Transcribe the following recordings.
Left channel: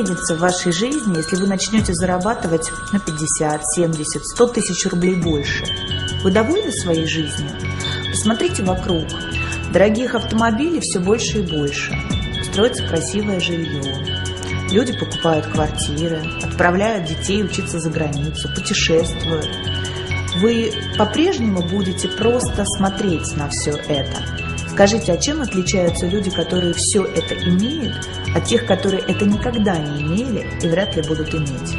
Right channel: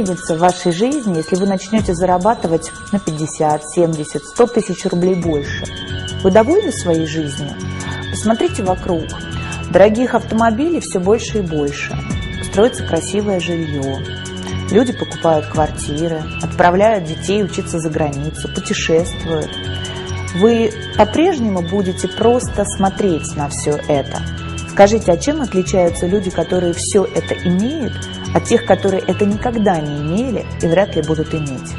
изменится в вашей жизни, если вы начнете зарабатывать на 50, 70, 100 тысяч рублей больше? Вы довольны своей жизнью? Посмотрите вокруг. Дорогих автомобилей все больше и больше. Строится красивое жилье. Люди покупают квартиры, отправляют детей учиться за границу, путешествуют. Вы по-прежнему будете просто смотреть на все это. Скажите, а чем отличаются люди, которые все это имеют, от тех, которые это никогда не имели и вряд ли будут иметь?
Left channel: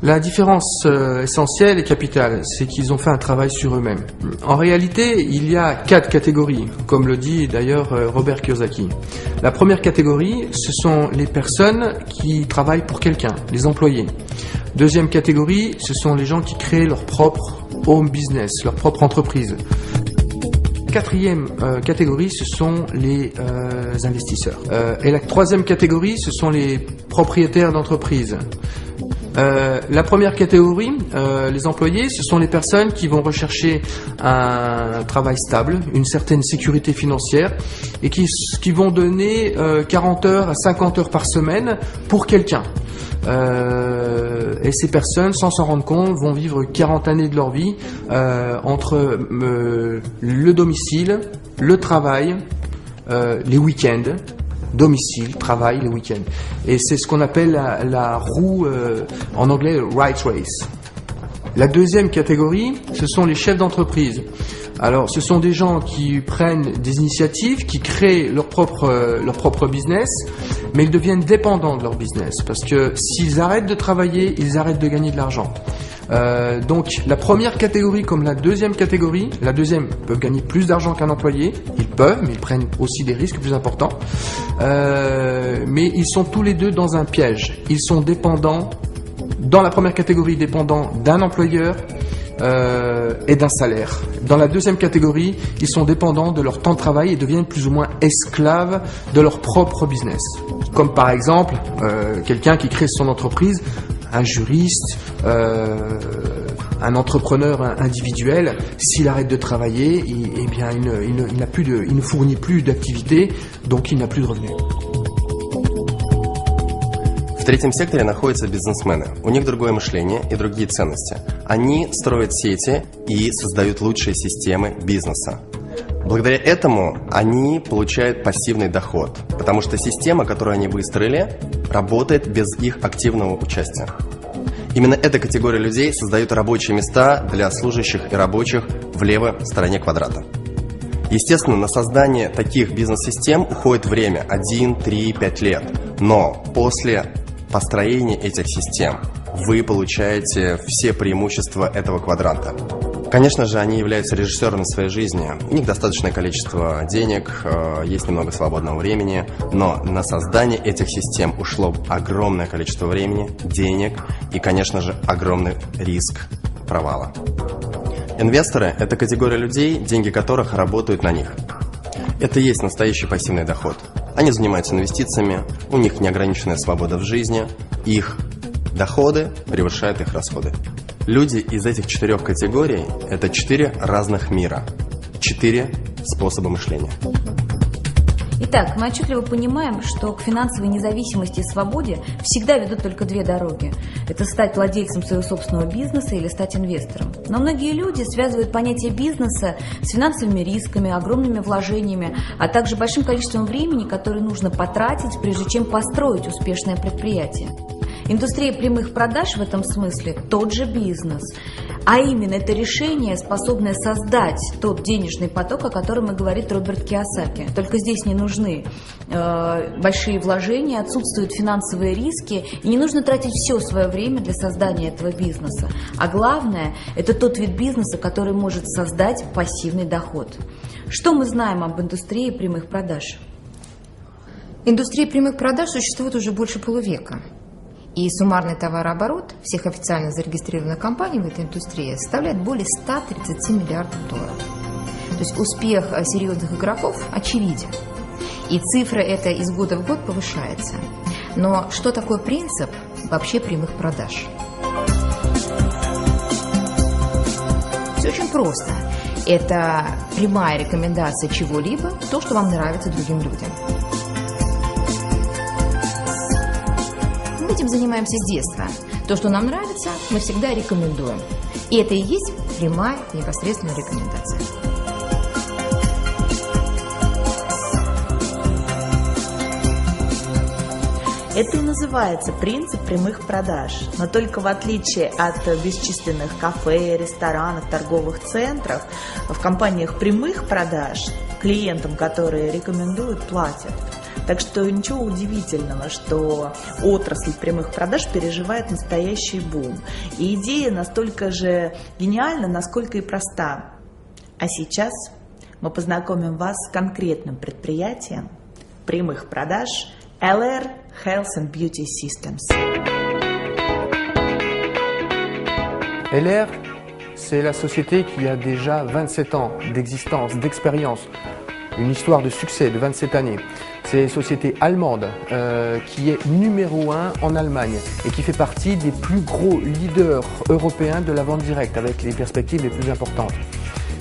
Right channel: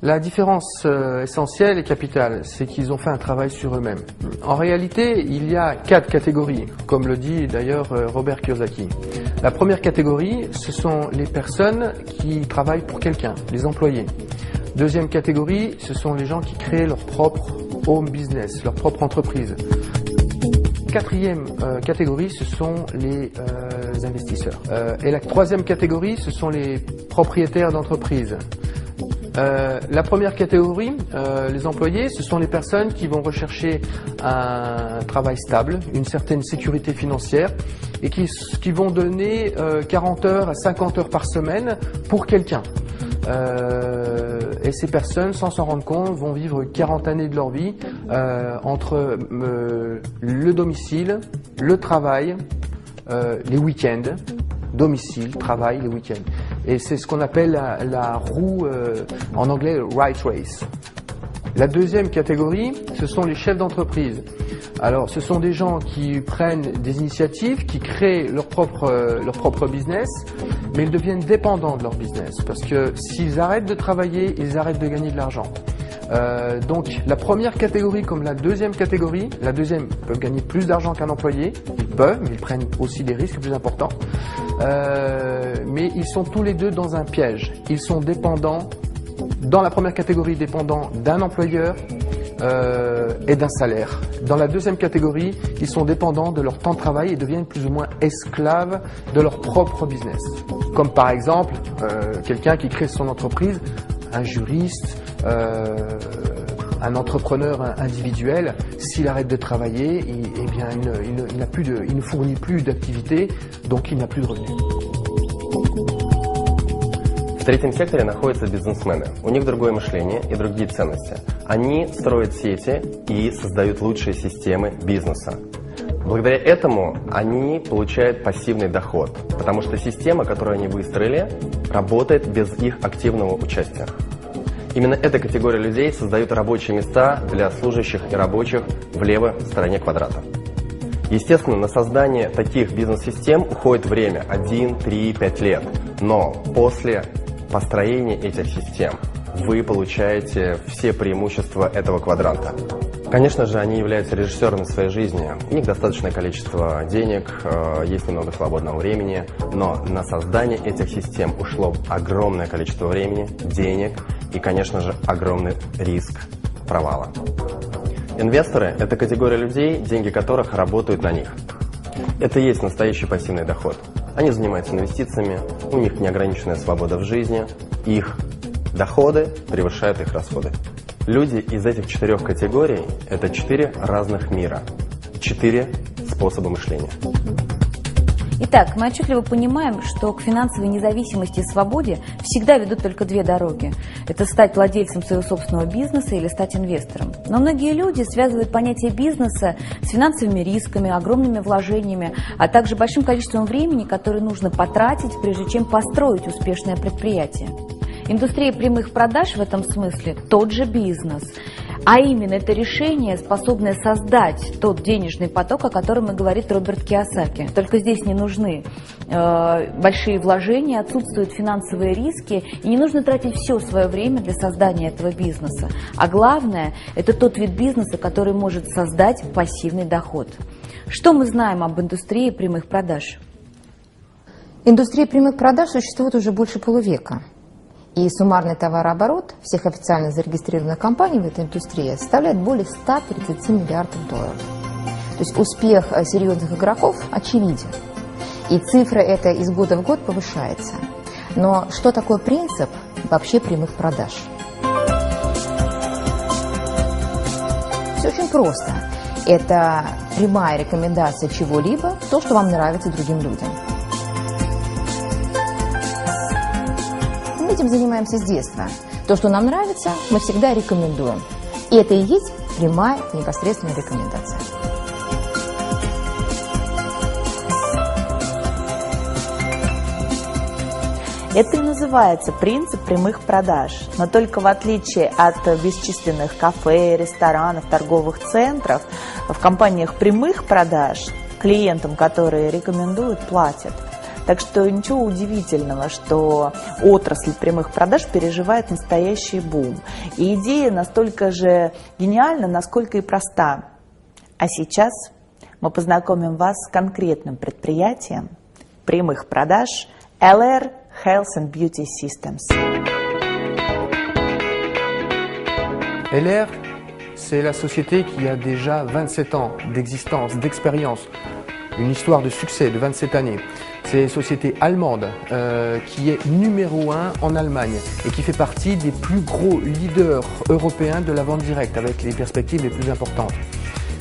La différence essentielle et capitale, c'est qu'ils ont fait un travail sur eux-mêmes. En réalité, il y a 4 catégories, comme le dit d'ailleurs Robert Kiyosaki. La première catégorie, ce sont les personnes qui travaillent pour quelqu'un, les employés. Deuxième catégorie, ce sont les gens qui créent leur propre home business, leur propre entreprise. Quatrième catégorie, ce sont les investisseurs. Et la troisième catégorie, ce sont les propriétaires d'entreprises. La première catégorie, les employés, ce sont les personnes qui vont rechercher un travail stable, une certaine sécurité financière et qui vont donner 40 heures à 50 heures par semaine pour quelqu'un. Et ces personnes, sans s'en rendre compte, vont vivre 40 années de leur vie entre le domicile, le travail, les week-ends. Domicile, travail, les week-ends. Et c'est ce qu'on appelle la roue, en anglais, right race. La deuxième catégorie, ce sont les chefs d'entreprise. Alors, ce sont des gens qui prennent des initiatives, qui créent leur propre business, mais ils deviennent dépendants de leur business. Parce que s'ils arrêtent de travailler, ils arrêtent de gagner de l'argent. Donc, la première catégorie comme la deuxième catégorie, la deuxième peut gagner plus d'argent qu'un employé. Ils peuvent, mais ils prennent aussi des risques plus importants. Mais ils sont tous les deux dans un piège. Ils sont dépendants, dans la première catégorie, dépendants d'un employeur et d'un salaire. Dans la deuxième catégorie, ils sont dépendants de leur temps de travail et deviennent plus ou moins esclaves de leur propre business. Comme par exemple, quelqu'un qui crée son entreprise, un juriste, un entrepreneur individuel, s'il arrête de travailler, il ne fournit plus d'activité, donc il n'a plus de revenus. В третьем секторе находятся бизнесмены. У них другое мышление и другие ценности. Они строят сети и создают лучшие системы бизнеса. Благодаря этому они получают пассивный доход, потому что система, которую они выстроили, работает без их активного участия. Именно эта категория людей создает рабочие места для служащих и рабочих в левой стороне квадрата. Естественно, на создание таких бизнес-систем уходит время 1, 3, 5 лет. Но после построения этих систем вы получаете все преимущества этого квадранта. Конечно же, они являются режиссерами своей жизни. У них достаточное количество денег, есть немного свободного времени, но на создание этих систем ушло огромное количество времени, денег и, конечно же, огромный риск провала. Инвесторы – это категория людей, деньги которых работают на них. Это и есть настоящий пассивный доход. Они занимаются инвестициями, у них неограниченная свобода в жизни, их доходы превышают их расходы. Люди из этих 4 категорий – это 4 разных мира, 4 способа мышления. Итак, мы отчетливо понимаем, что к финансовой независимости и свободе всегда ведут только 2 дороги. Это стать владельцем своего собственного бизнеса или стать инвестором. Но многие люди связывают понятие бизнеса с финансовыми рисками, огромными вложениями, а также большим количеством времени, которое нужно потратить, прежде чем построить успешное предприятие. Индустрия прямых продаж в этом смысле тот же бизнес. А именно, это решение, способное создать тот денежный поток, о котором и говорит Роберт Кийосаки. Только здесь не нужны большие вложения, отсутствуют финансовые риски, и не нужно тратить все свое время для создания этого бизнеса. А главное, это тот вид бизнеса, который может создать пассивный доход. Что мы знаем об индустрии прямых продаж? Индустрия прямых продаж существует уже больше полувека. И суммарный товарооборот всех официальных зарегистрированных компаний в этой индустрии составляет более 130 миллиардов долларов. То есть успех серьезных игроков очевиден. И цифра эта из года в год повышается. Но что такое принцип вообще прямых продаж? Все очень просто. Это прямая рекомендация чего-либо, то, что вам нравится другим людям. Мы этим занимаемся с детства. То, что нам нравится, мы всегда рекомендуем. И это и есть прямая, непосредственная рекомендация. Это и называется принцип прямых продаж. Но только в отличие от бесчисленных кафе, ресторанов, торговых центров, в компаниях прямых продаж клиентам, которые рекомендуют, платят. Так что ничего удивительного, что отрасль прямых продаж переживает настоящий бум. И идея настолько же гениальна, насколько и проста. А сейчас мы познакомим вас с конкретным предприятием прямых продаж LR Health and Beauty Systems. LR, c'est la société qui a déjà 27 ans d'existence, d'expérience, une histoire de succès de 27 années. C'est une société allemande qui est numéro 1 en Allemagne et qui fait partie des plus gros leaders européens de la vente directe avec les perspectives les plus importantes.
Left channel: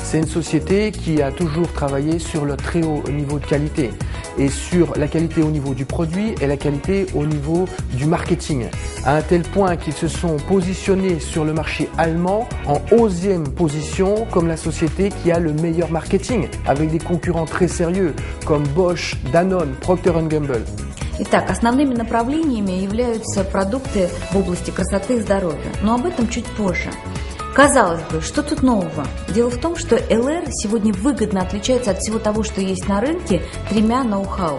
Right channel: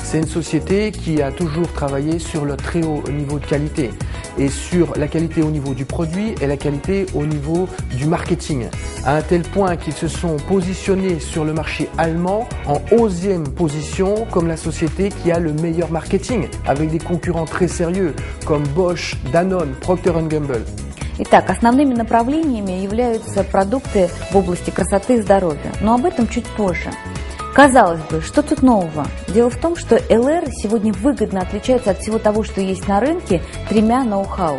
C'est une société qui a toujours travaillé sur le très haut niveau de qualité et sur la qualité au niveau du produit et la qualité au niveau du marketing, à un tel point qu'ils se sont positionnés sur le marché allemand en 11e position comme la société qui a le meilleur marketing, avec des concurrents très sérieux comme Bosch, Danone, Procter & Gamble. Итак, основными направлениями являются продукты в области красоты и здоровья, но об этом чуть позже. Казалось бы, что тут нового? Дело в том, что LR сегодня выгодно отличается от всего того, что есть на рынке, тремя ноу-хау.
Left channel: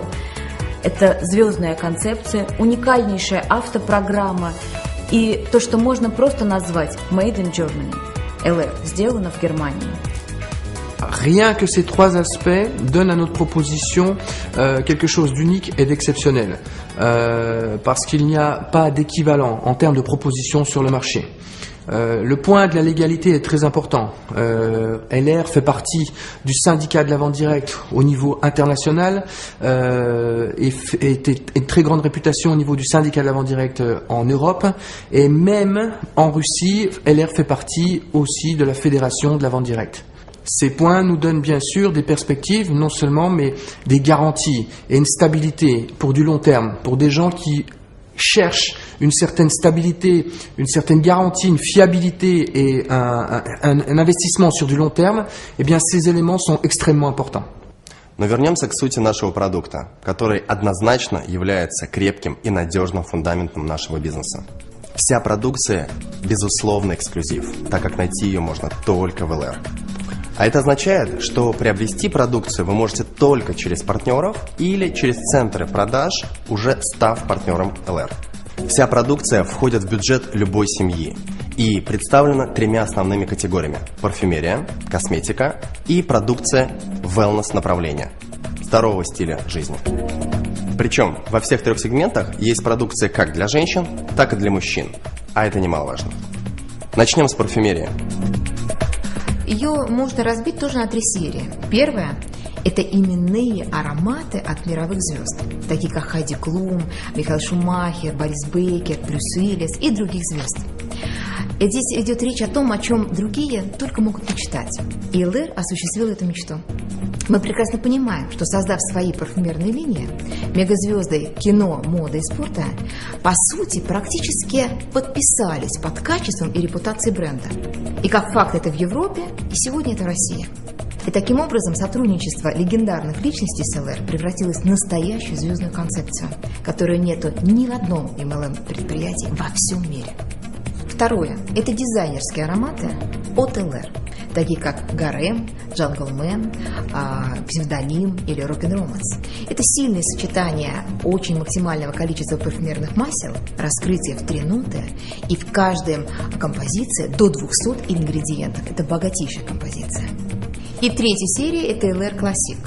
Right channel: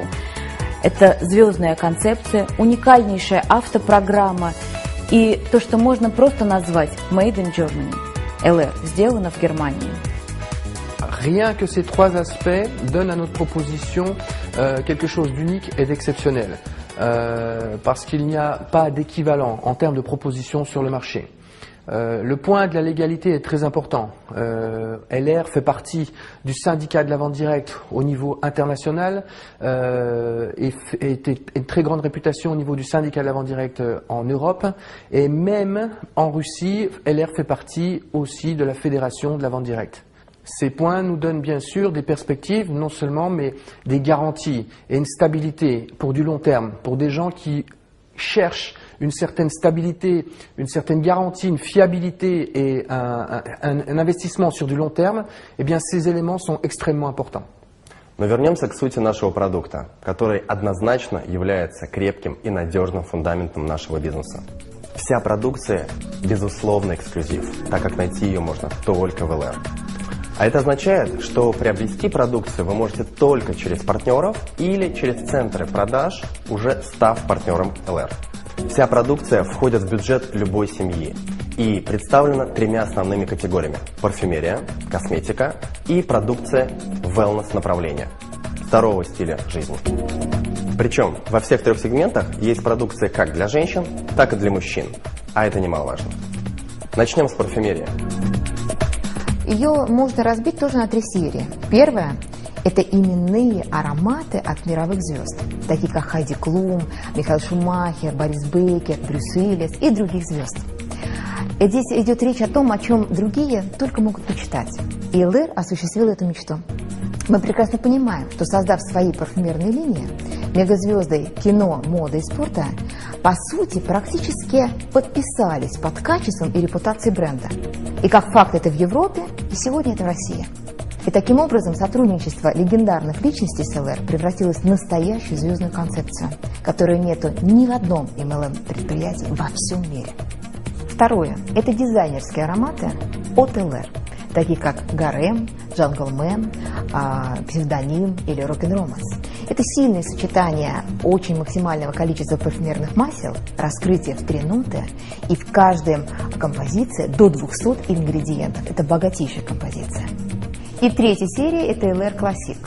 Это звездная концепция, уникальнейшая автопрограмма и то, что можно просто назвать Made in Germany. LR сделано в Германии. Rien que ces trois aspects donnent à notre proposition quelque chose d'unique et d'exceptionnel, parce qu'il n'y a pas d'équivalent en termes de proposition sur le marché. Le point de la légalité est très important. LR fait partie du syndicat de la vente directe au niveau international et une très grande réputation au niveau du syndicat de la vente directe en Europe, et même en Russie, LR fait partie aussi de la fédération de la vente directe. Ces points nous donnent bien sûr des perspectives, non seulement, mais des garanties et une stabilité pour du long terme, pour des gens qui cherchent une certaine stabilité, une certaine garantie, une fiabilité et un investissement sur du long terme. Eh bien, ces éléments sont extrêmement importants. Но вернемся к сути нашего продукта, который однозначно является крепким и надежным фундаментом нашего бизнеса. Вся продукция безусловно эксклюзив, так как найти ее можно только в LR. А это означает, что приобрести продукцию вы можете только через партнеров или через центры продаж, уже став партнером LR. Вся продукция входит в бюджет любой семьи и представлена тремя основными категориями: парфюмерия, косметика и продукция wellness направления, здорового стиля жизни. Причем во всех трех сегментах есть продукция как для женщин, так и для мужчин, а это немаловажно. Начнем с парфюмерии. Ее можно разбить тоже на 3 серии. Первая – это именные ароматы от мировых звезд, такие как Хайди Клум, Михаэль Шумахер, Борис Бейкер, Брюс Уиллис и других звезд. И здесь идет речь о том, о чем другие только могут мечтать. И LR осуществил эту мечту. Мы прекрасно понимаем, что, создав свои парфюмерные линии, мегазвезды кино, моды и спорта, по сути, практически подписались под качеством и репутацией бренда. И как факт это в Европе, и сегодня это в России. И таким образом сотрудничество легендарных личностей с LR превратилось в настоящую звездную концепцию, которой нету ни в одном MLM-предприятии во всем мире. Второе – это дизайнерские ароматы от LR, такие как Гарем, Джентльмен, Псевдоним или Рок-н-Романс. Это сильное сочетание очень максимального количества парфюмерных масел, раскрытие в 3 ноты, и в каждой композиции до 200 ингредиентов. Это богатейшая композиция. И третья серия – это LR Classic.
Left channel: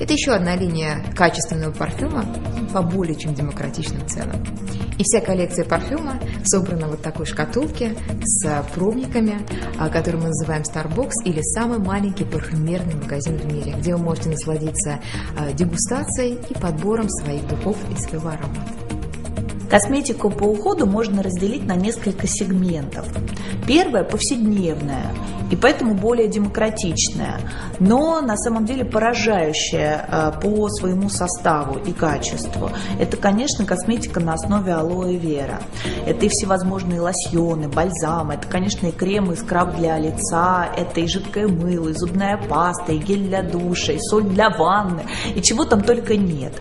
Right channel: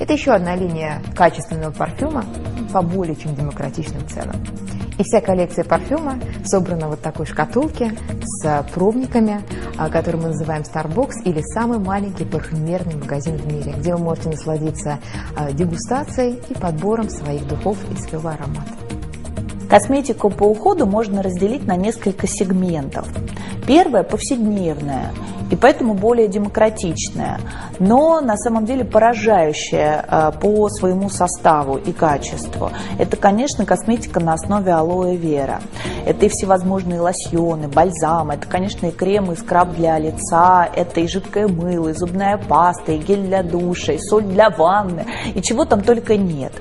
Это еще одна линия качественного парфюма по более чем демократичным ценам. И вся коллекция парфюма собрана в вот такой шкатулке с пробниками, который мы называем Starbucks, или самый маленький парфюмерный магазин в мире, где вы можете насладиться дегустацией и подбором своих духов и своего аромата. Косметику по уходу можно разделить на несколько сегментов. Первое – повседневная. и поэтому более демократичная, но на самом деле поражающая по своему составу и качеству. Это, конечно, косметика на основе алоэ вера. Это и всевозможные лосьоны, бальзамы, это, конечно, и крем, и скраб для лица, это и жидкое мыло, и зубная паста, и гель для душа, и соль для ванны, и чего там только нет.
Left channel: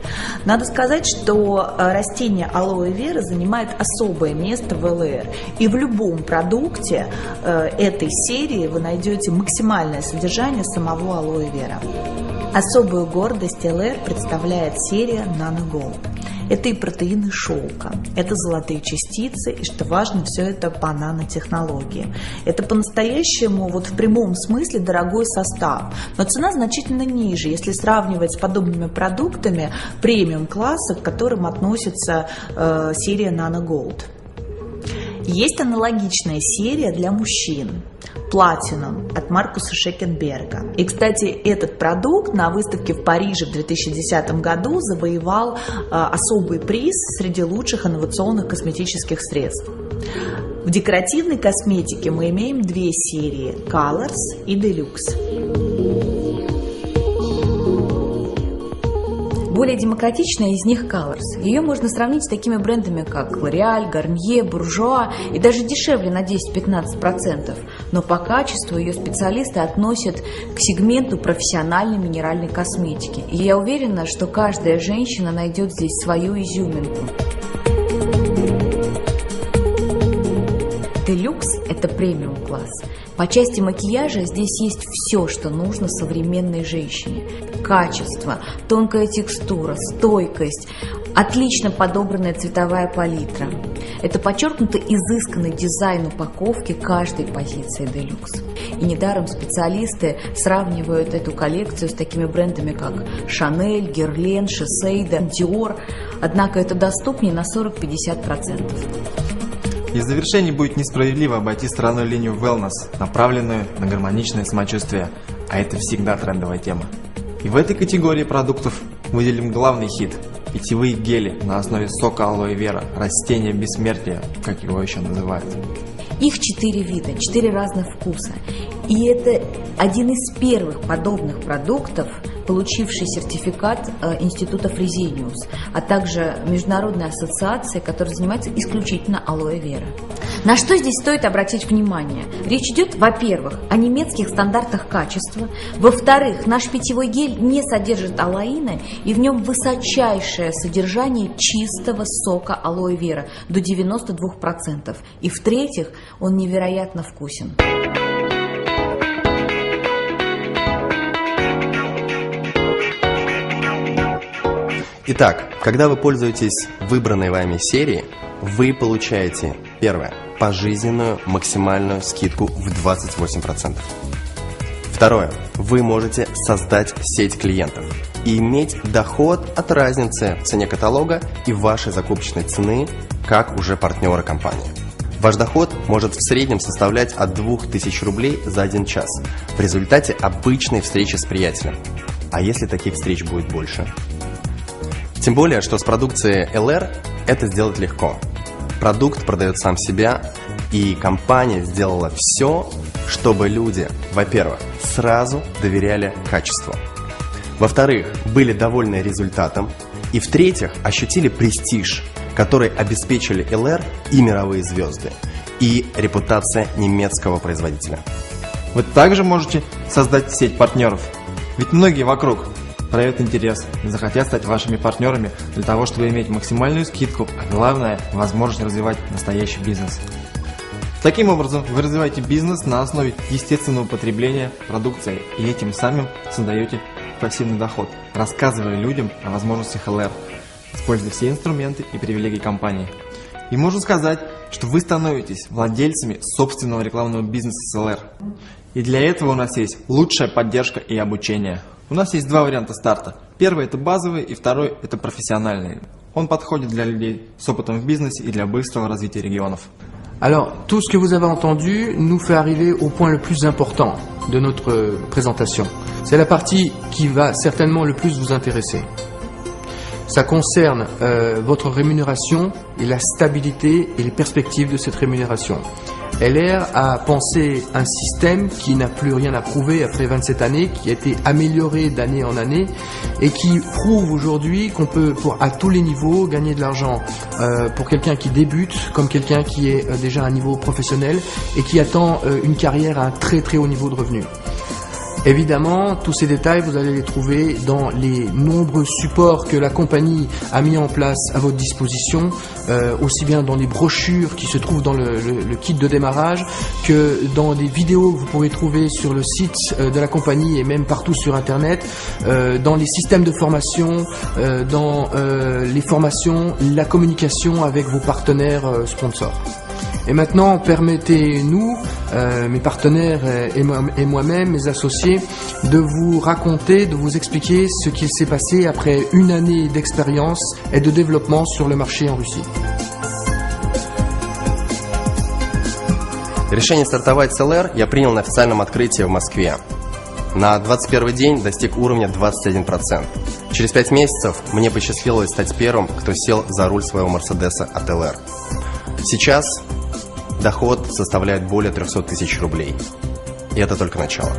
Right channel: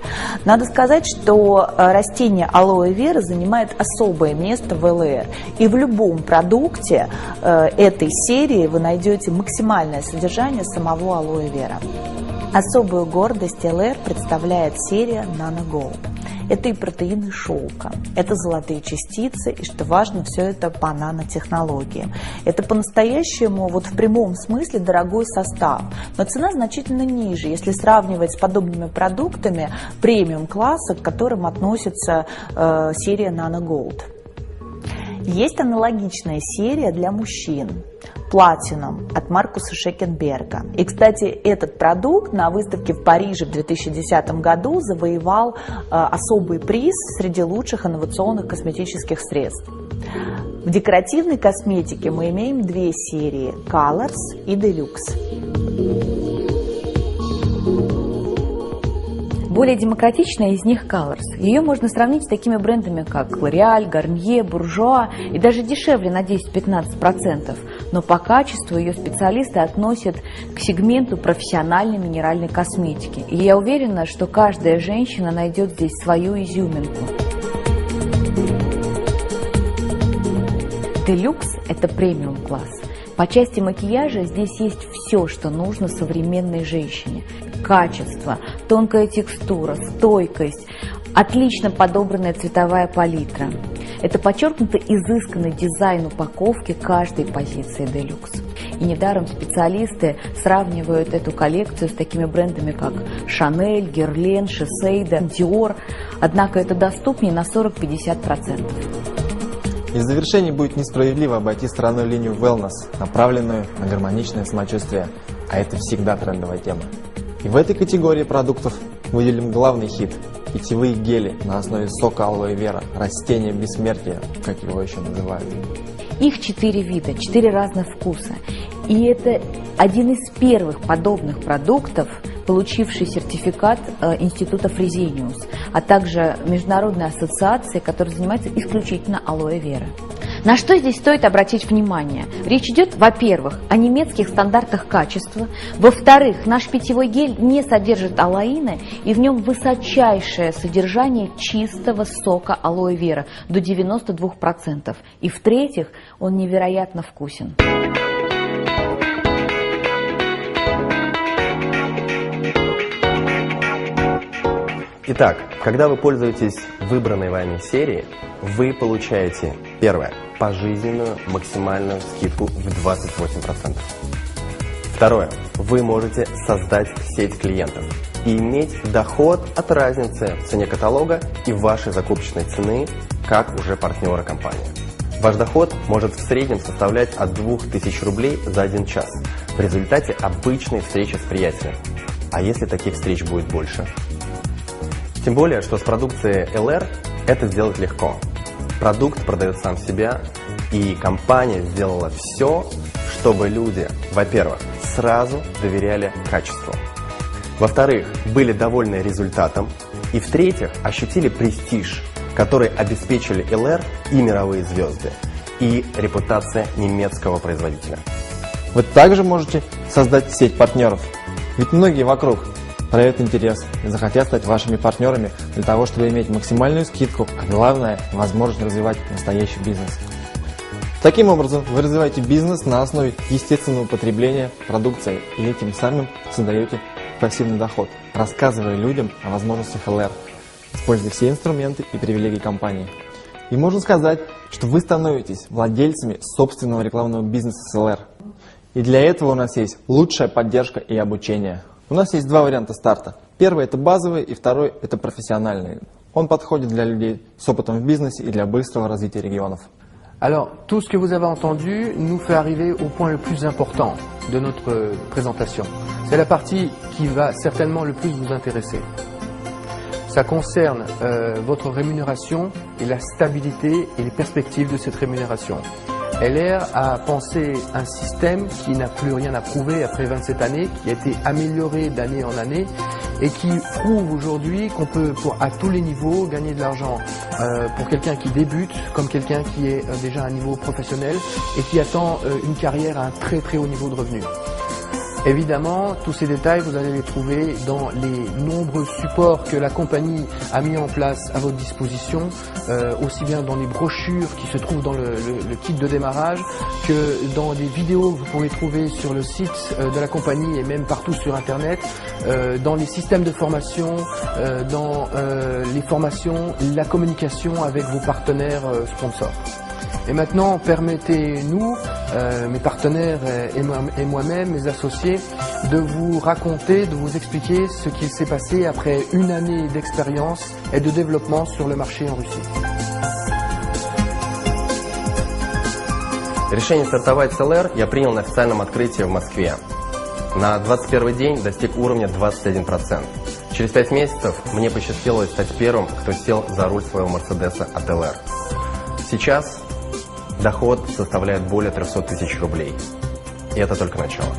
Надо сказать, что растение алоэ вера занимает особое место в ЛР, и в любом продукте этой серии вы найдете максимальное содержание самого алоэ вера. Особую гордость ЛР представляет серия Nano Gold. Это и протеины шелка, это золотые частицы, и, что важно, все это по нанотехнологии. Это по-настоящему, вот в прямом смысле, дорогой состав, но цена значительно ниже, если сравнивать с подобными продуктами премиум-класса, к которым относится серия Nano Gold. Есть аналогичная серия для мужчин. Platinum от Маркуса Шекенберга. И, кстати, этот продукт на выставке в Париже в 2010 году завоевал особый приз среди лучших инновационных косметических средств. В декоративной косметике мы имеем две серии – Colors и Deluxe. Более демократичная из них Colors. Ее можно сравнить с такими брендами, как L'Oréal, Garnier, Bourjois и даже дешевле на 10-15%. Но по качеству ее специалисты относят к сегменту профессиональной минеральной косметики. И я уверена, что каждая женщина найдет здесь свою изюминку. Deluxe – это премиум-класс. По части макияжа здесь есть все, что нужно современной женщине. Качество, тонкая текстура, стойкость, отлично подобранная цветовая палитра. Это подчеркнуто изысканный дизайн упаковки каждой позиции Deluxe. И недаром специалисты сравнивают эту коллекцию с такими брендами, как Chanel, Guerlain, Shiseido, Dior. Однако это доступнее на 40-50%. И в завершении будет несправедливо обойти стороной линию wellness, направленную на гармоничное самочувствие, а это всегда трендовая тема. И в этой категории продуктов выделим главный хит – питьевые гели на основе сока алоэ вера, растения бессмертия, как его еще называют. Их 4 вида, 4 разных вкуса. И это один из первых подобных продуктов, получивший сертификат Института Фрезениус, а также Международной ассоциации, которая занимается исключительно алоэ вера. На что здесь стоит обратить внимание? Речь идет, во-первых, о немецких стандартах качества, во-вторых, наш питьевой гель не содержит алоина, и в нем высочайшее содержание чистого сока алоэ вера до 92%, и в-третьих, он невероятно вкусен. Итак, когда вы пользуетесь выбранной вами серией, вы получаете, первое, пожизненную максимальную скидку в 28%. Второе, вы можете создать сеть клиентов и иметь доход от разницы в цене каталога и вашей закупочной цены, как уже партнеры компании. Ваш доход может в среднем составлять от 2000 рублей за 1 час в результате обычной встречи с приятелем. А если таких встреч будет больше? Тем более, что с продукцией ЛР это сделать легко. Продукт продает сам себя, и компания сделала все, чтобы люди, во-первых, сразу доверяли качеству, во-вторых, были довольны результатом, и в-третьих, ощутили престиж, который обеспечили ЛР и мировые звезды, и репутация немецкого производителя. Вы также можете создать сеть партнеров, ведь многие вокруг проявят интерес, захотят стать вашими партнерами для того, чтобы иметь максимальную скидку, а главное – возможность развивать настоящий бизнес. Таким образом, вы развиваете бизнес на основе естественного потребления продукции и этим самым создаете пассивный доход, рассказывая людям о возможностях ЛР, используя все инструменты и привилегии компании. И можно сказать, что вы становитесь владельцами собственного рекламного бизнеса с ЛР. И для этого у нас есть лучшая поддержка и обучение. У нас есть два варианта старта. Первый – это базовый, и второй – это профессиональный. Он подходит для людей с опытом в бизнесе и для быстрого развития регионов. Alors, tout ce que vous avez entendu nous fait arriver au point le plus important de notre présentation. C'est la partie qui va certainement le plus vous intéresser. Ça concerne votre rémunération et la stabilité et les perspectives de cette rémunération. LR a pensé un système qui n'a plus rien à prouver après 27 années, qui a été amélioré d'année en année et qui prouve aujourd'hui qu'on peut, à tous les niveaux, gagner de l'argent pour quelqu'un qui débute comme quelqu'un qui est déjà à un niveau professionnel et qui attend une carrière à un très très haut niveau de revenus. Évidemment, tous ces détails, vous allez les trouver dans les nombreux supports que la compagnie a mis en place à votre disposition, aussi bien dans les brochures qui se trouvent dans le kit de démarrage que dans des vidéos que vous pourrez trouver sur le site de la compagnie et même partout sur Internet, dans les systèmes de formation, dans les formations, la communication avec vos partenaires sponsors. Et maintenant, permettez-nous, mes partenaires et moi-même, mes associés, de vous raconter, de vous expliquer ce qu'il s'est passé après une année d'expérience et de développement sur le marché en Russie. Решение стартовать с LR я принял на официальном открытии в Москве. На 21 день достиг уровня 21%. Через 5 месяцев мне посчастливилось стать первым, кто сел за руль своего Мерседеса от LR. Сейчас доход составляет более 300 тысяч рублей. И это только начало.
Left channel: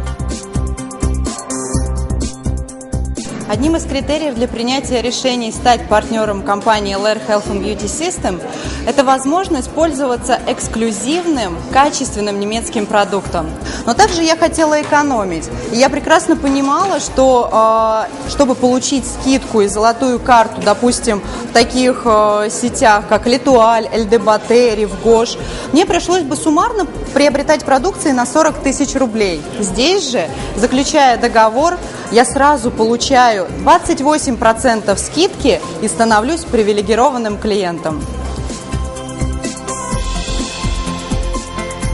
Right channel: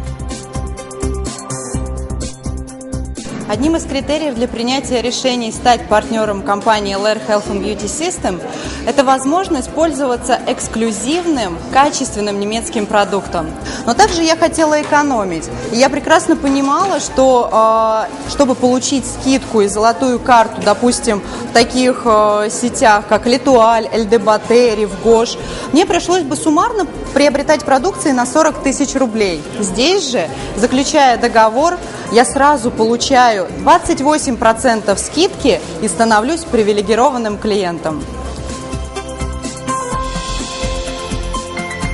Одним из критериев для принятия решений стать партнером компании LR Health and Beauty System – это возможность пользоваться эксклюзивным, качественным немецким продуктом. Но также я хотела экономить. И я прекрасно понимала, что чтобы получить скидку и золотую карту, допустим, в таких сетях, как L'Etoile, LD Rif Gosh, мне пришлось бы суммарно приобретать продукции на 40 тысяч рублей. Здесь же, заключая договор, я сразу получаю 28% скидки и становлюсь привилегированным клиентом.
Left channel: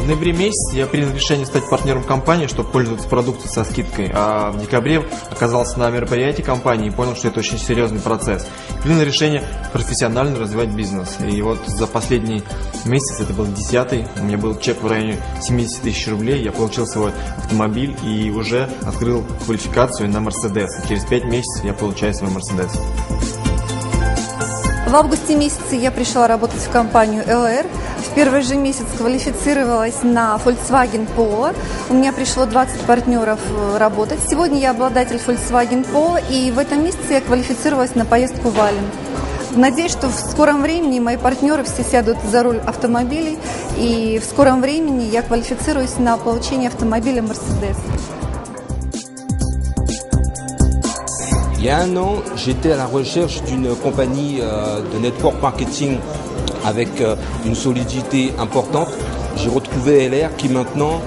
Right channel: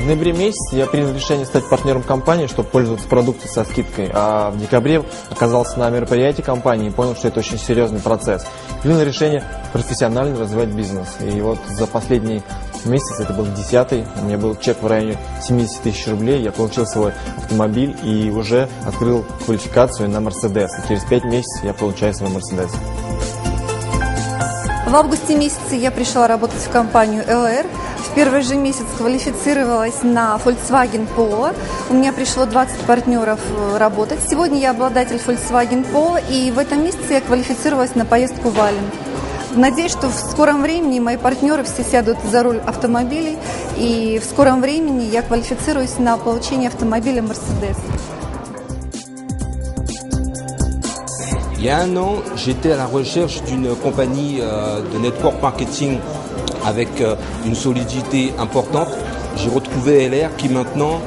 В ноябре месяце я принял решение стать партнером компании, чтобы пользоваться продукцией со скидкой. А в декабре оказался на мероприятии компании и понял, что это очень серьезный процесс. Принял решение профессионально развивать бизнес. И вот за последний месяц, это был 10-й, у меня был чек в районе 70 тысяч рублей. Я получил свой автомобиль и уже открыл квалификацию на Мерседес. Через 5 месяцев я получаю свой Мерседес. В августе месяце я пришла работать в компанию LR. В первый же месяц квалифицировалась на Volkswagen Polo. У меня пришло 20 партнеров работать. Сегодня я обладатель Volkswagen Polo, и в этом месяце я квалифицировалась на поездку в Ален. Надеюсь, что в скором времени мои партнеры все сядут за руль автомобилей, и в скором времени я квалифицируюсь на получение автомобиля Mercedes. Il y a un an, j'étais à la recherche d'une compagnie de network marketing avec une solidité importante. J'ai retrouvé LR qui maintenant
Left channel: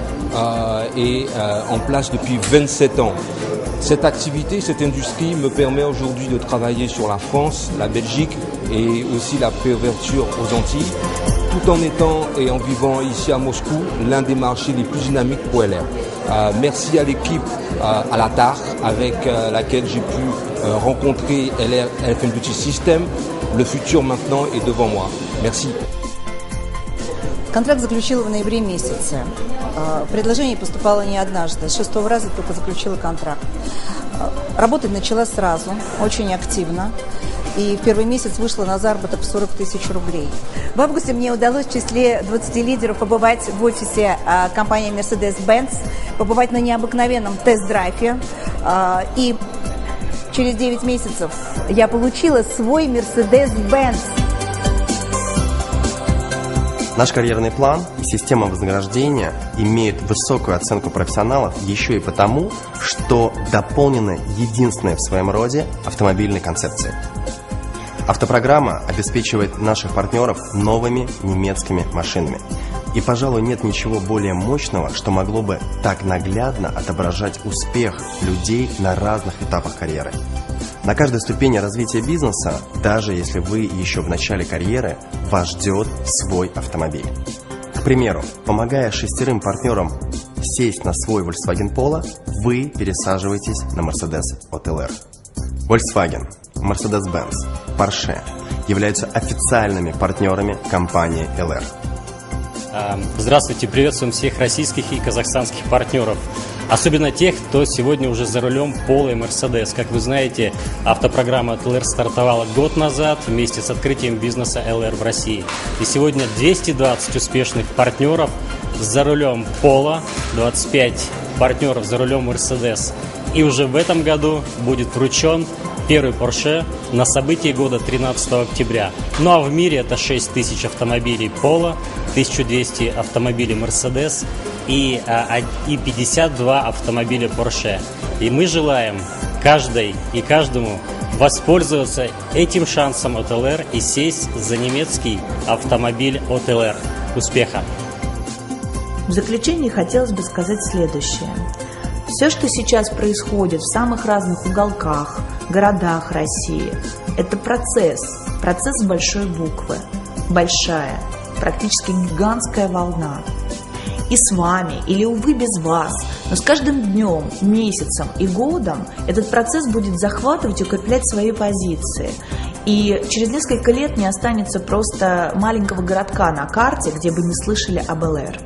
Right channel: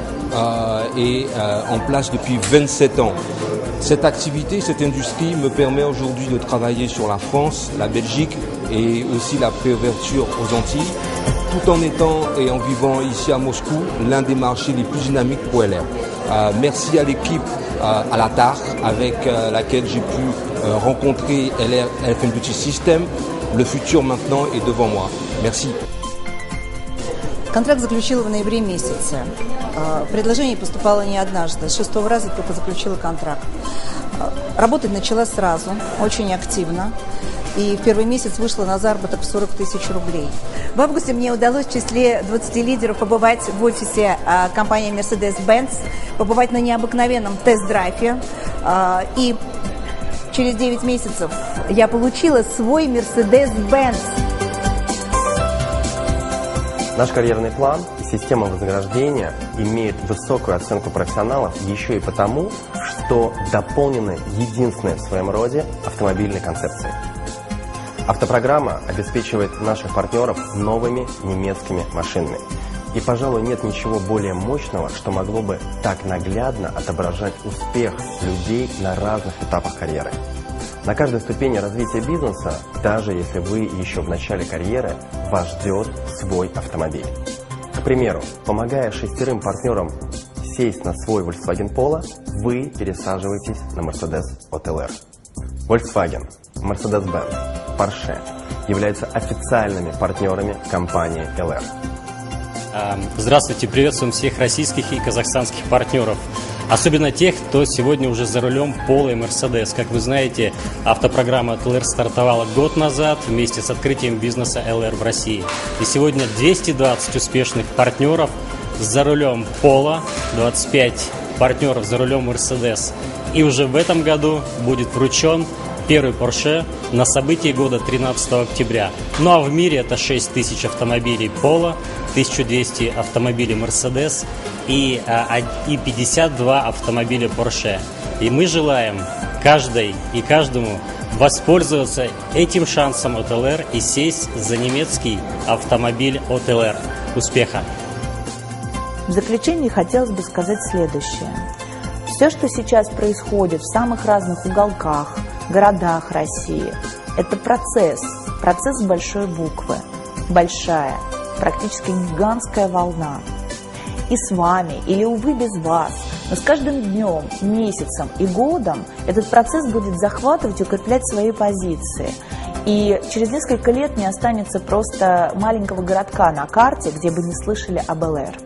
est en place depuis 27 ans. Cette activité, cette industrie me permet aujourd'hui de travailler sur la France, la Belgique et aussi la préouverture aux Antilles, tout en étant et en vivant ici à Moscou, l'un des marchés les plus dynamiques pour LR. Merci à l'équipe à la TAR avec laquelle j'ai pu rencontrer LR Health and Beauty System. Le futur maintenant est devant moi. Merci. Контракт заключила в ноябре месяце. Предложение поступало не однажды. С 6-го раза только заключила контракт. Работать начала сразу, очень активно. И в первый месяц вышла на заработок в 40 тысяч рублей. В августе мне удалось в числе 20 лидеров побывать в офисе компании Mercedes-Benz, побывать на необыкновенном тест-драйве. И через 9 месяцев я получила свой Mercedes-Benz. Наш карьерный план и система вознаграждения имеют высокую оценку профессионалов еще и потому, что дополнены единственной в своем роде автомобильной концепцией. Автопрограмма обеспечивает наших партнеров новыми немецкими машинами. И, пожалуй, нет ничего более мощного, что могло бы так наглядно отображать успех людей на разных этапах карьеры. На каждой ступени развития бизнеса, даже если вы еще в начале карьеры, вас ждет свой автомобиль. К примеру, помогая 6 партнерам сесть на свой Volkswagen Polo, вы пересаживаетесь на Mercedes от LR. Volkswagen, Mercedes-Benz, Porsche являются официальными партнерами компании LR. Здравствуйте, приветствуем всех российских и казахстанских партнеров. Особенно тех, кто сегодня уже за рулем Polo и Mercedes. Как вы знаете, автопрограмма от LR стартовала год назад вместе с открытием бизнеса LR в России. И сегодня 220 успешных партнеров за рулем Polo, 25 партнеров за рулем Mercedes. И уже в этом году будет вручен первый Porsche на событии года 13 октября. Ну а в мире это 6000 автомобилей Polo, 1200 автомобилей Mercedes и 52 автомобиля Porsche. И мы желаем каждой и каждому воспользоваться этим шансом от ЛР и сесть за немецкий автомобиль от ЛР. Успеха! В заключение хотелось бы сказать следующее. Все, что сейчас происходит в самых разных уголках, городах России, это процесс с большой буквы, большая, практически гигантская волна. И с вами, или, увы, без вас, но с каждым днем, месяцем и годом этот процесс будет захватывать и укреплять свои позиции. И через несколько лет не останется просто маленького городка на карте, где бы не слышали об ЛР.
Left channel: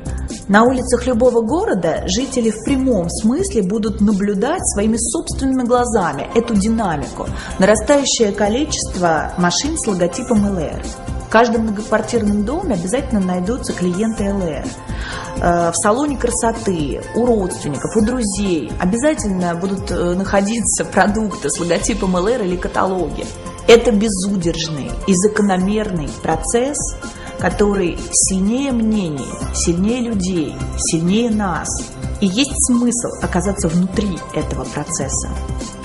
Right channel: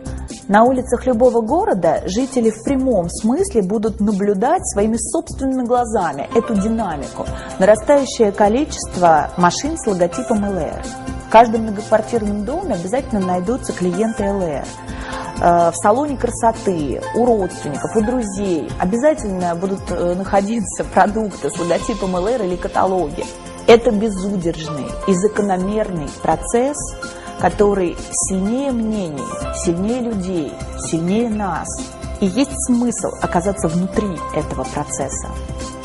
На улицах любого города жители в прямом смысле будут наблюдать своими собственными глазами эту динамику, нарастающее количество машин с логотипом ЛР. В каждом многоквартирном доме обязательно найдутся клиенты ЛР. В салоне красоты, у родственников, у друзей обязательно будут находиться продукты с логотипом ЛР или каталоги. Это безудержный и закономерный процесс, который сильнее мнений, сильнее людей, сильнее нас. И есть смысл оказаться внутри этого процесса.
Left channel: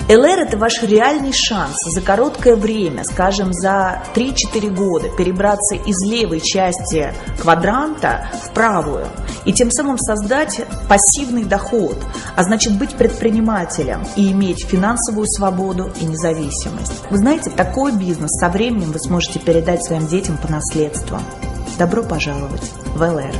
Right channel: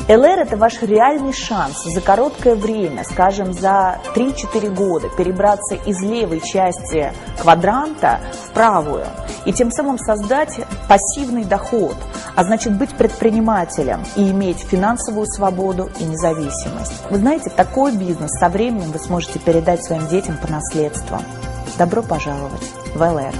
ЛР – это ваш реальный шанс за короткое время, скажем, за 3-4 года, перебраться из левой части квадранта в правую и тем самым создать пассивный доход, а значит быть предпринимателем и иметь финансовую свободу и независимость. Вы знаете, такой бизнес со временем вы сможете передать своим детям по наследству. Добро пожаловать в ЛР.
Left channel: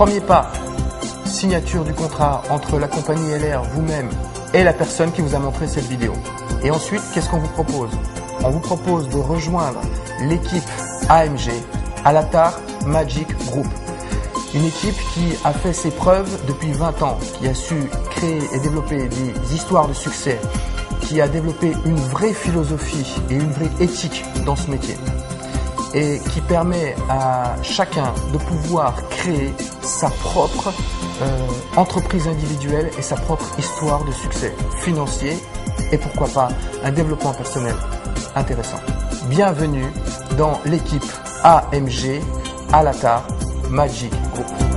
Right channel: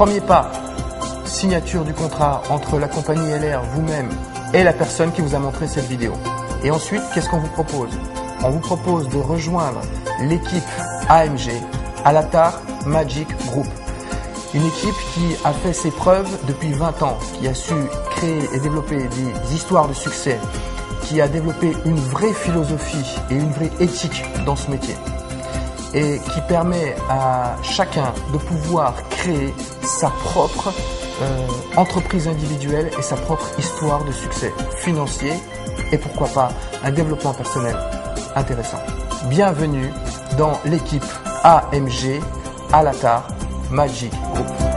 Premier pas, signature du contrat entre la compagnie LR, vous-même et la personne qui vous a montré cette vidéo. Et ensuite, qu'est-ce qu'on vous propose? On vous propose de rejoindre l'équipe AMG, Alatar Magic Group. Une équipe qui a fait ses preuves depuis 20 ans, qui a su créer et développer des histoires de succès, qui a développé une vraie philosophie et une vraie éthique dans ce métier. Et qui permet à chacun de pouvoir créer sa propre entreprise individuelle et sa propre histoire de succès financier et pourquoi pas un développement personnel intéressant. Bienvenue dans l'équipe AMG Alatar Magic Group.